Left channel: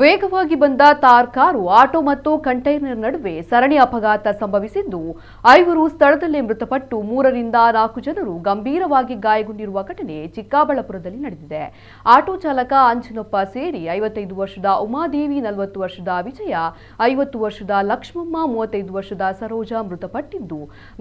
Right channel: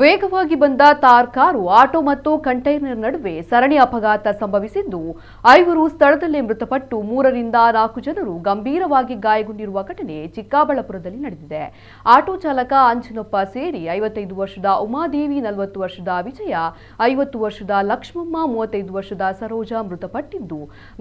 ವೇಗವಾಗಿ ಬಂದ ತಾರ್ car auto ಮತ್ತು ಕಂಟೈನರ್ ನಡುವೆ ಸರಣಿ ಅಪಘಾತ ಸಂಭವಿಸಿದ್ದು, 5 ಸ್ಥಳದಲ್ಲೇ ಮೃತಪಟ್ಟು 3ರಿಂದ 4 ಜನರು ಗಂಭೀರವಾಗಿ ಗಾಯಗೊಂಡಿರುವ ಘಟನೆ ಚಿಕ್ಕಬಳ್ಳಾಪುರದಲ್ಲಿ ನಡೆದಿದೆ. ಆಟೋ ಚಾಲಕ ಅಂಜನಪ್ಪ ಸೇರಿ 55 ವರ್ಷದ ಉಮಾದೇವಿ, 40 ವರ್ಷದ ವಿಜಯ, 50 ವರ್ಷದ ಲಕ್ಷ್ಮಮ್ಮ, 35 ವರ್ಷದ ಸರೋಜಾ ಮೃತಪಟ್ಟಿದ್ದು,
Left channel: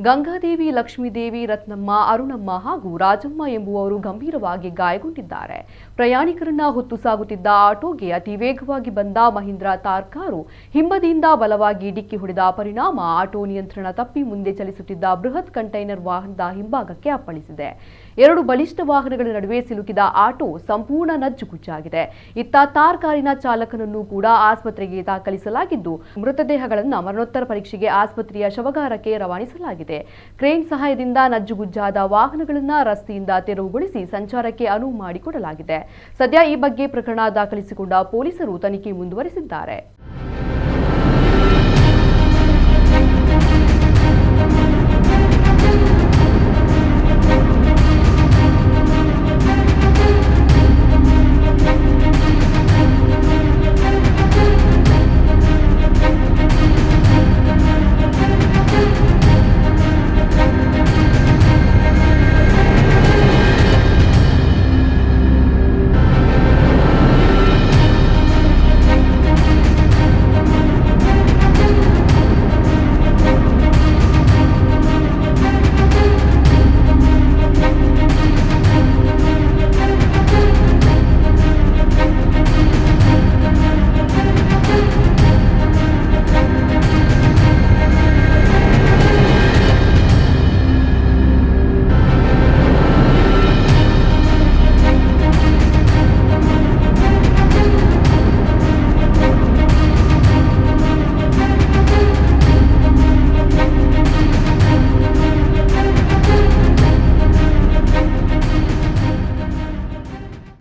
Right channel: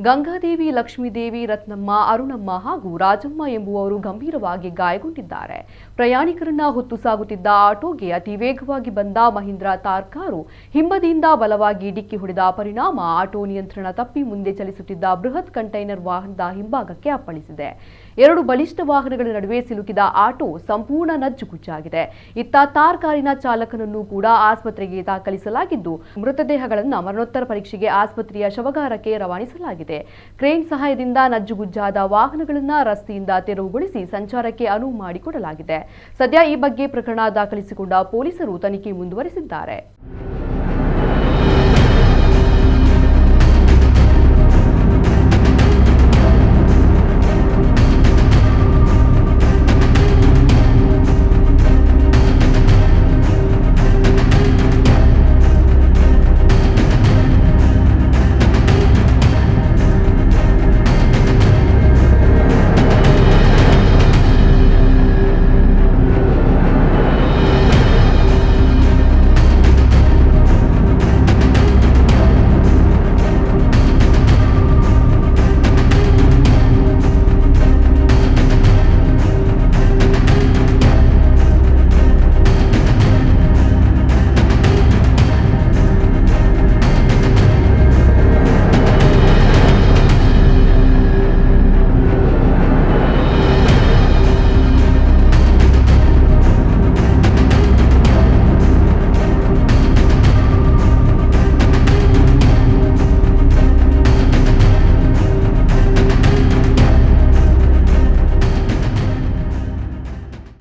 ಗಂಗಾದೇವಿ, ಲಕ್ಷ್ಮೀದೇವಿ, ರತ್ನಮ್ಮ, ಅರುಣಮ್ಮ ಹಾಗೂ ರಾಜಮ್ಮ ಎಂಬುವವರು ಗಂಭೀರವಾಗಿ ಗಾಯಗೊಂಡಿದ್ದಾರೆ. ಪ್ರಯಾಣಿಕರನ್ನ ಹೊತ್ತು ಸಾಗುತ್ತಿದ್ದ ಆಟೋಗೆ ಅತಿ ವೇಗವಾಗಿ ಬಂದ ಮಹೀಂದ್ರ ತಾರ್ ಕಾರು ಹಿಂಬದಿಯಿಂದ ಬಲವಾಗಿ ಡಿಕ್ಕಿ ಹೊಡೆದ ಪರಿಣಾಮ ಆಟೋ ನಿಯಂತ್ರಣ ತಪ್ಪಿ ಮುಂದೆ ಚಲಿಸುತ್ತಿದ್ದ ಬೃಹತ್ ಕಂಟೈನರ್ ವಾಹನದ ಹಿಂಭಾಗಕ್ಕೆ ಅಪ್ಪಳಿಸಿದೆ. 2 ಬಲಿಷ್ಠ ವಾಹನಗಳ ನಡುವೆ ಸಿಲುಕಿದ ಆಟೋ ಸಂಪೂರ್ಣ ನಜ್ಜುಗುಜ್ಜಾಗಿದೆ. ಇತ್ತ ತಾರ್ ಕಾರಿನ ಚಾಲಕನನ್ನು ಕೂಡ ಆಸ್ಪತ್ರೆಗೆ ದಾಖಲಿಸಲಾಗಿದ್ದು, ಮೃತದೇಹಗಳನ್ನು ಮರಣೋತ್ತರ ಪರೀಕ್ಷೆಗೆ ಆಸ್ಪತ್ರೆಯ ಶವಗಾರಕ್ಕೆ ರವಾನಿಸಲಾಗಿದೆ. ಕ್ರೇನ್ ಸಹಾಯದಿಂದ ನಜ್ಜುಗುಜ್ಜಾದ ವಾಹನಗಳನ್ನು ರಸ್ತೆಯಿಂದ ತೆರವುಗೊಳಿಸಿ ಸಂಚಾರಕ್ಕೆ ಅನುವು ಮಾಡಿಕೊಡಲಾಗಿದೆ. ಸದ್ಯ ಈ ಬಗ್ಗೆ ಪ್ರಕರಣ ದಾಖಲಿಸಿಕೊಂಡ ಪೊಲೀಸರು ತನಿಖೆ ಮುಂದುವರೆಸಿದ್ದಾರೆ.